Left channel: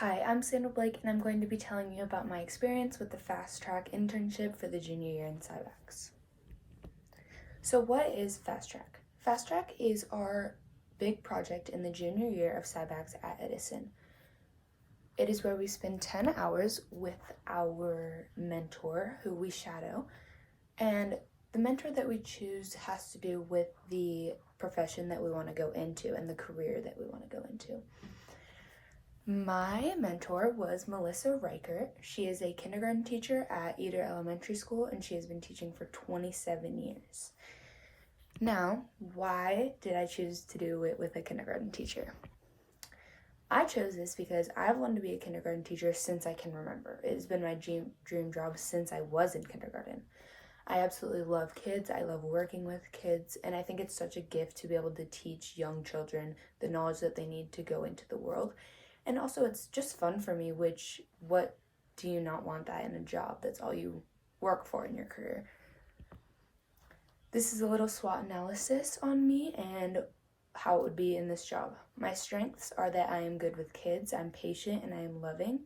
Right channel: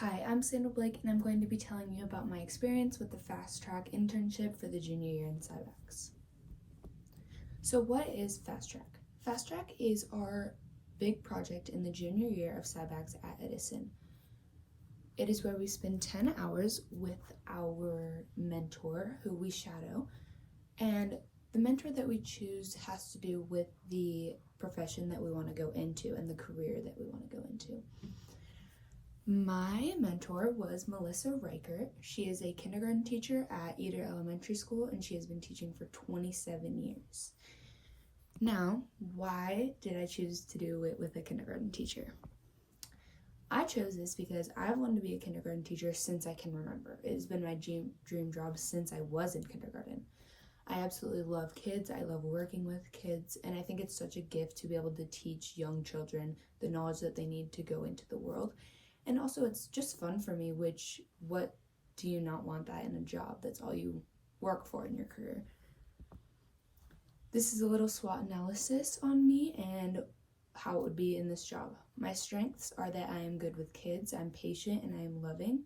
Hi, I'm Sandra Blake, and I'm going to be telling you about my experience with the Fast Track internship for the junior year in SciBacs. So what is Fast Track? Fast Track is our big project in the junior year of SciBacs at Edison. It is where we spend 10 hours with our mentor, who we shadow, and the mentor that we choose has to do with the profession that we want to go into and the career that we want to go into. My mentor was Melissa Reichert. She is a kindergarten teacher at Eder Elementary School, and she has been teaching for 27 years. Now, why did I choose to do it with a kindergarten teacher? I chose this because I've wanted to be a kindergarten teacher since I can remember. It has been my dream job since I was in kindergarten. I absolutely love kids. I love working with kids, and I think it's such a gift to be able to teach young children the knowledge that they need to go into the world. And also, it's just fun for me, what do you not want that in a job? That's all you work for in your career. This is a little SWOT analysis on me and how it would be in this job. My strengths are that I am good with kids, I'm patient, and I am loving.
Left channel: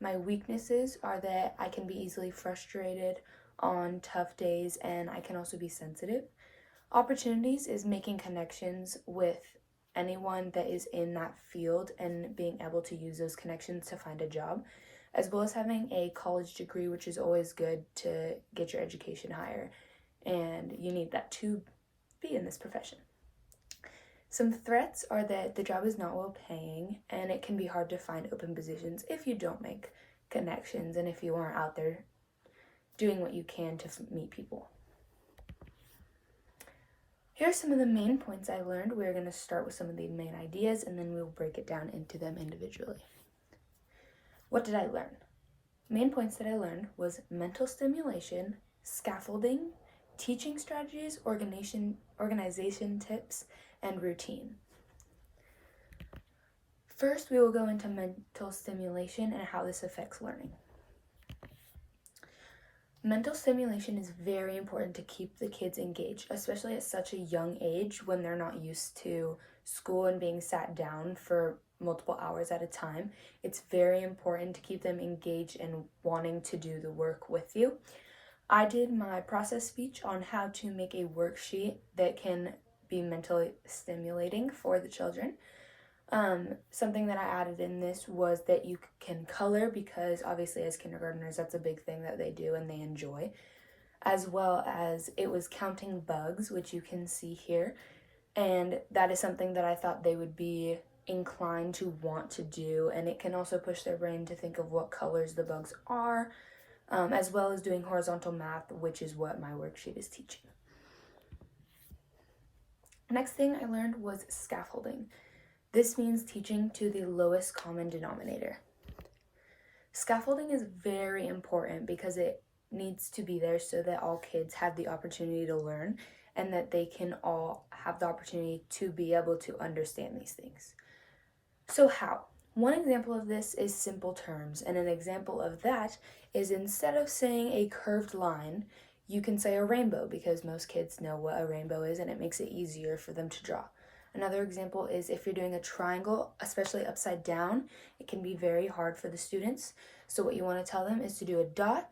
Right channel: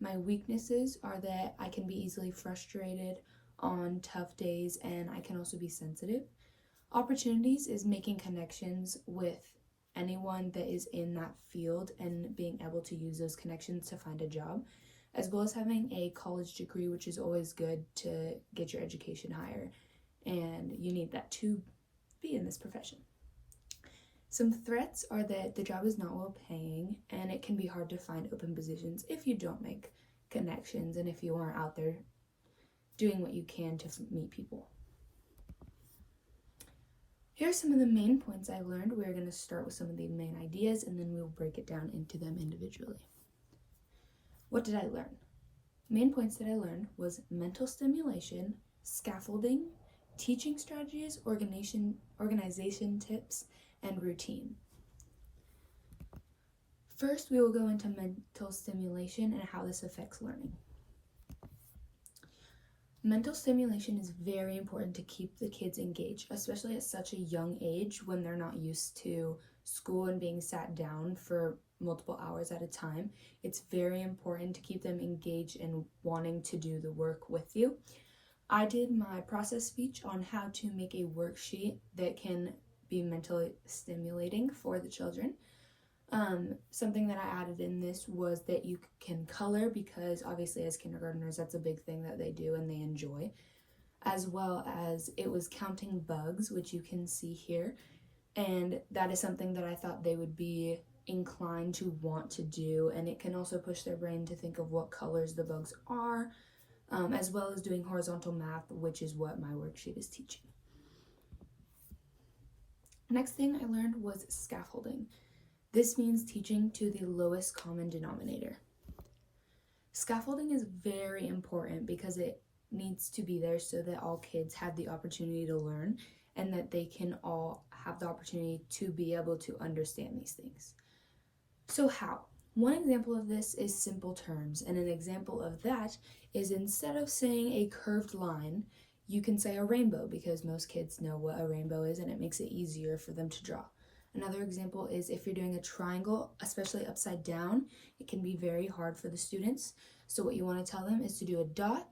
My weaknesses are that I can be easily frustrated on tough days, and I can also be sensitive. Opportunities is making connections with anyone that is in that field and being able to use those connections to find a job, as well as having a college degree, which is always good to get your education higher, and you need that to be in this profession. Some threats are that the job is not well paying, and it can be hard to find open positions if you don't make connections and if you aren't out there doing what you can to meet people. Here are some of the main points I learned. We're going to start with some of the main ideas, and then we'll break it down into them individually. What did I learn? Main points that I learned was mental stimulation, scaffolding, teaching strategies, organization tips, and routine. First, we will go into mental stimulation and how this affects learning. Mental stimulation is very important to keep the kids engaged, especially at such a young age when they're not used to school and being sat down for multiple hours at a time. It's very important to keep them engaged and wanting to do the work with you. I did my process speech on how to make a worksheet that can be mentally stimulating for the children. Something that I added in this was that you can color, because obviously as kindergartners that's a big thing that they do and they enjoy, as well as it was counting bugs, which you can see here, and that is something that I thought they would be inclined to want to do, and it can also push their brain to think of what colors the bugs are, as well as doing horizontal math, which is what my worksheet is teaching. Next thing I learned was scaffolding. This means teaching to the lowest common denominator. Scaffolding is very important because it needs to be there so that all kids have the opportunity to learn and that they can all have the opportunity to be able to understand these things. So how? One example of this is simple terms, and an example of that is instead of saying a curved line, you can say a rainbow, because most kids know what a rainbow is and it makes it easier for them to draw. Another example is if you're doing a triangle, especially upside down, it can be very hard for the students. So what you want to tell them is to do a dot,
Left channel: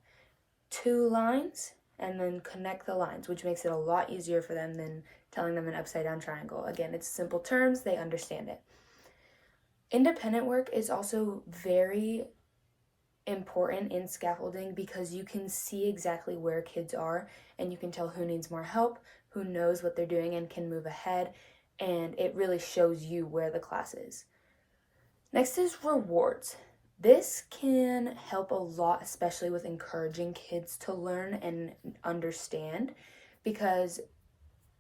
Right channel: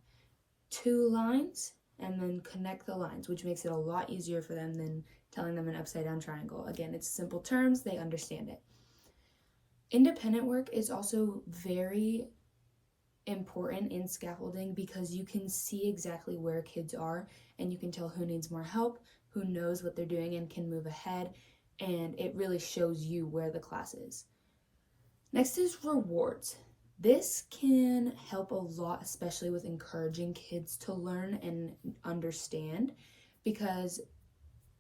2 lines, and then connect the lines, which makes it a lot easier for them than telling them an upside down triangle. Again, it's simple terms, they understand it. Independent work is also very important in scaffolding because you can see exactly where kids are and you can tell who needs more help, who knows what they're doing and can move ahead, and it really shows you where the class is. Next is rewards. This can help a lot, especially with encouraging kids to learn and understand, because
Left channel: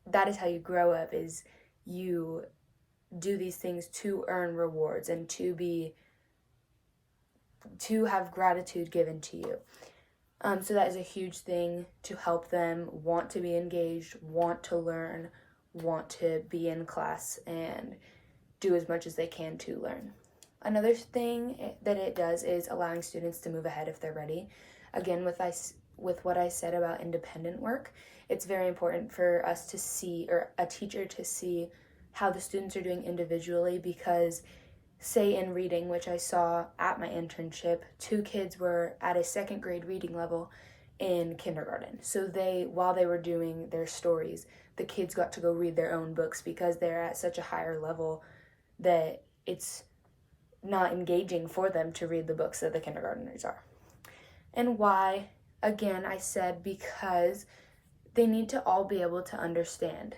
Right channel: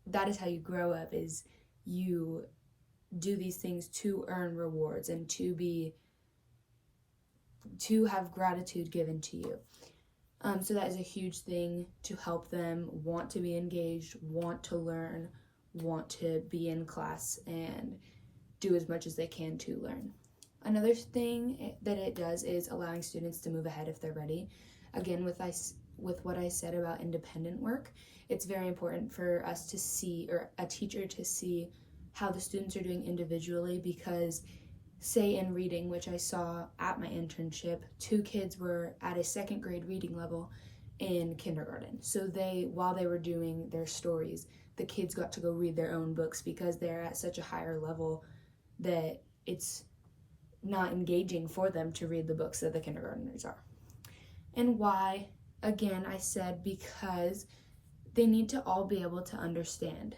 that is how you grow up, is you do these things to earn rewards and to have gratitude given to you. So that is a huge thing to help them want to be engaged, want to learn, want to be in class, and do as much as they can to learn. Another thing that it does is allowing students to move ahead if they're ready. Again, with what I said about independent work, it's very important for us to see, or a teacher to see, how the students are doing individually, because say in reading, which I saw at my internship, 2 kids were at a 2nd grade reading level in kindergarten. So while they were doing their stories, the kids got to go read their own books because they're at such a higher level that it's not engaging for them to read the books that the kindergartners are. And why? Again, I said because they need to all be able to understand.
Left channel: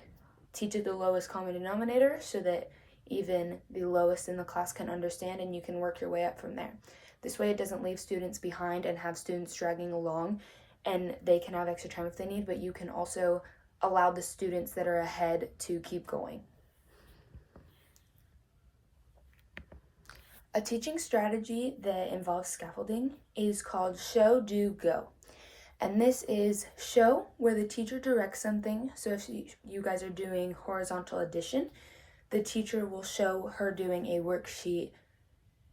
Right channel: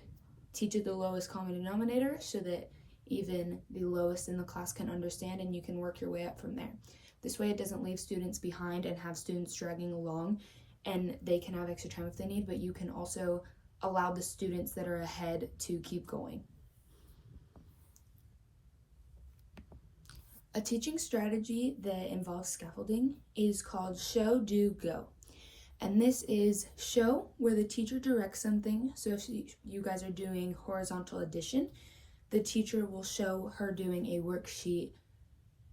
Teach at the lowest common denominator so that even the lowest in the class can understand, and you can work your way up from there. This way it doesn't leave students behind and have students dragging along, and they can have extra time if they need, but you can also allow the students that are ahead to keep going. A teaching strategy that involves scaffolding is called show, do, go. And this is show, where the teacher directs something. So if you guys are doing horizontal addition, the teacher will show her doing a worksheet.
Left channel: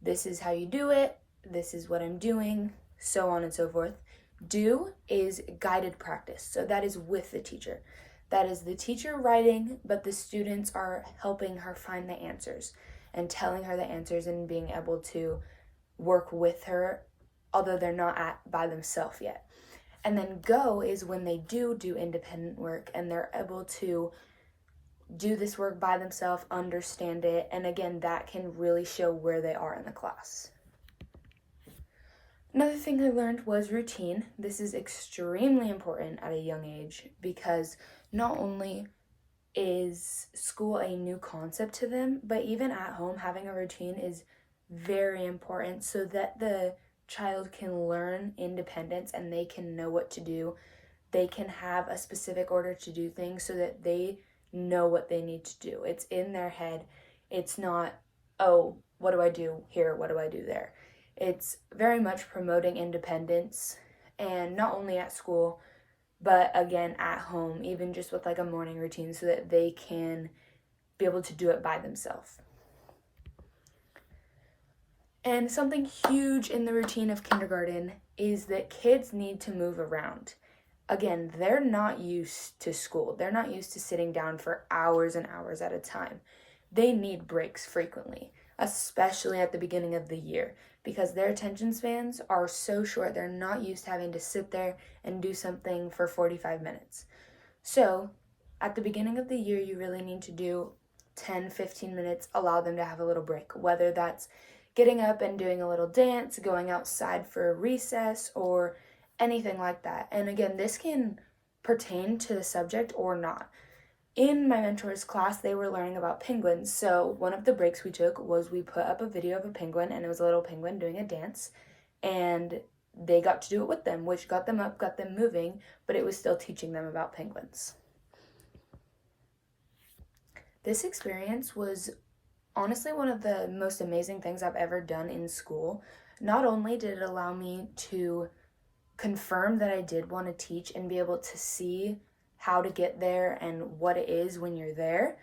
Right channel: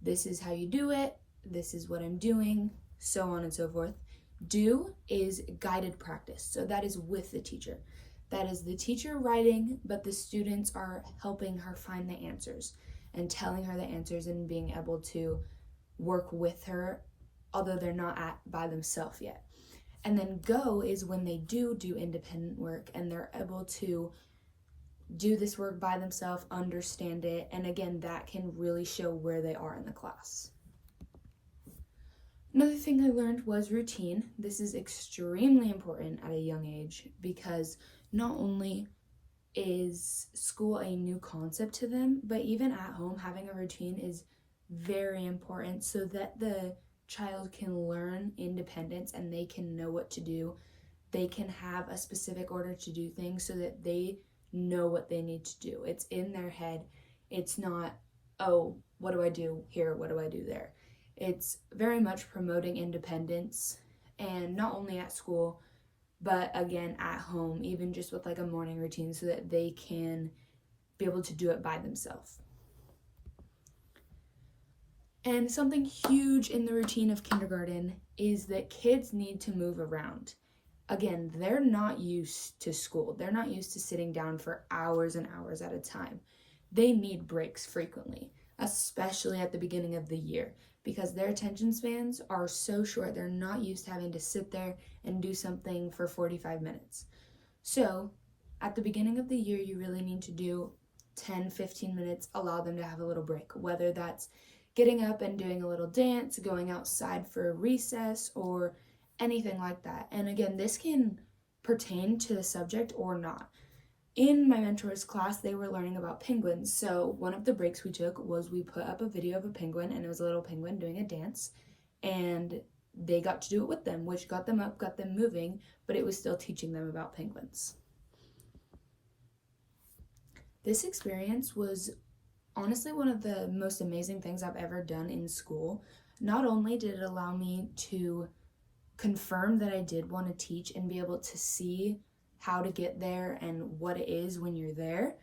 This is how you do it. This is what I'm doing, so on and so forth. Do is guided practice. So that is with the teacher. That is the teacher writing, but the students are helping her find the answers and telling her the answers and being able to work with her, although they're not by themselves yet. And then go is when they do independent work and they're able to do this work by themselves, understand it, and again, that can really show where they are in the class. Another thing I learned was routine. This is extremely important at a young age because not only is school a new concept to them, but even at home, having a routine is very important so that the child can learn independence and they can know what to do. They can have a specific order to do things so that they know what they need to do. It's in their head. It's not, oh, what do I do here? What do I do there? It's very much promoting independence, and not only at school, but again at home, even just with like a morning routine so that they can be able to do it by themselves. And something huge in the routine of kindergarten is that kids need to move around. Again, they're not used to school. They're not used to sitting down for hours and hours at a time. They need breaks frequently, especially at the beginning of the year, because their attention spans are so short. They're not used to having to sit there and do something for 45 minutes. So at the beginning of the year, you really need to do 10, 15 minutes, allow them to have a little break, whether that's getting up and doing a little dance, going outside for a recess, or anything like that. And again, this can pertain to the subject or not. In my mentor's class, they were learning about penguins. So one of the breaks we took was we put up a video of a penguin, and it was a little penguin doing a dance, and they got to do it with them, which got them up, got them moving, but it was still teaching them about penguins. This experience was honestly one of the most amazing things I've ever done in school. Not only did it allow me to confirm that I did want to teach and be able to see how to get there and what it is when you're there,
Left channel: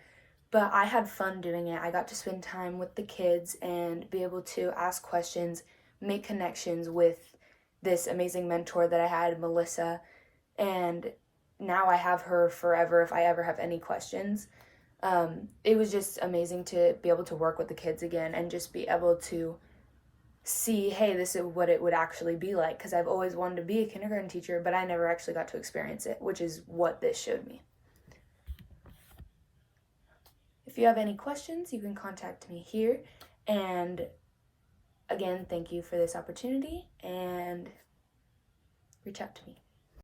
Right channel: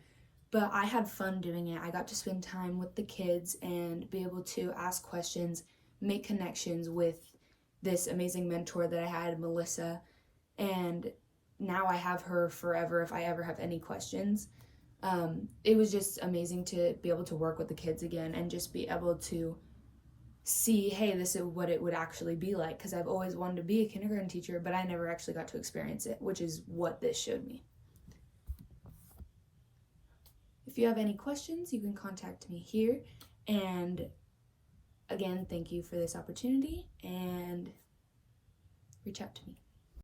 but I had fun doing it. I got to spend time with the kids and be able to ask questions, make connections with this amazing mentor that I had, Melissa, and now I have her forever if I ever have any questions. It was just amazing to be able to work with the kids again and just be able to see, hey, this is what it would actually be like, because I've always wanted to be a kindergarten teacher, but I never actually got to experience it, which is what this showed me. If you have any questions, you can contact me here. And again, thank you for this opportunity, and reach out to me.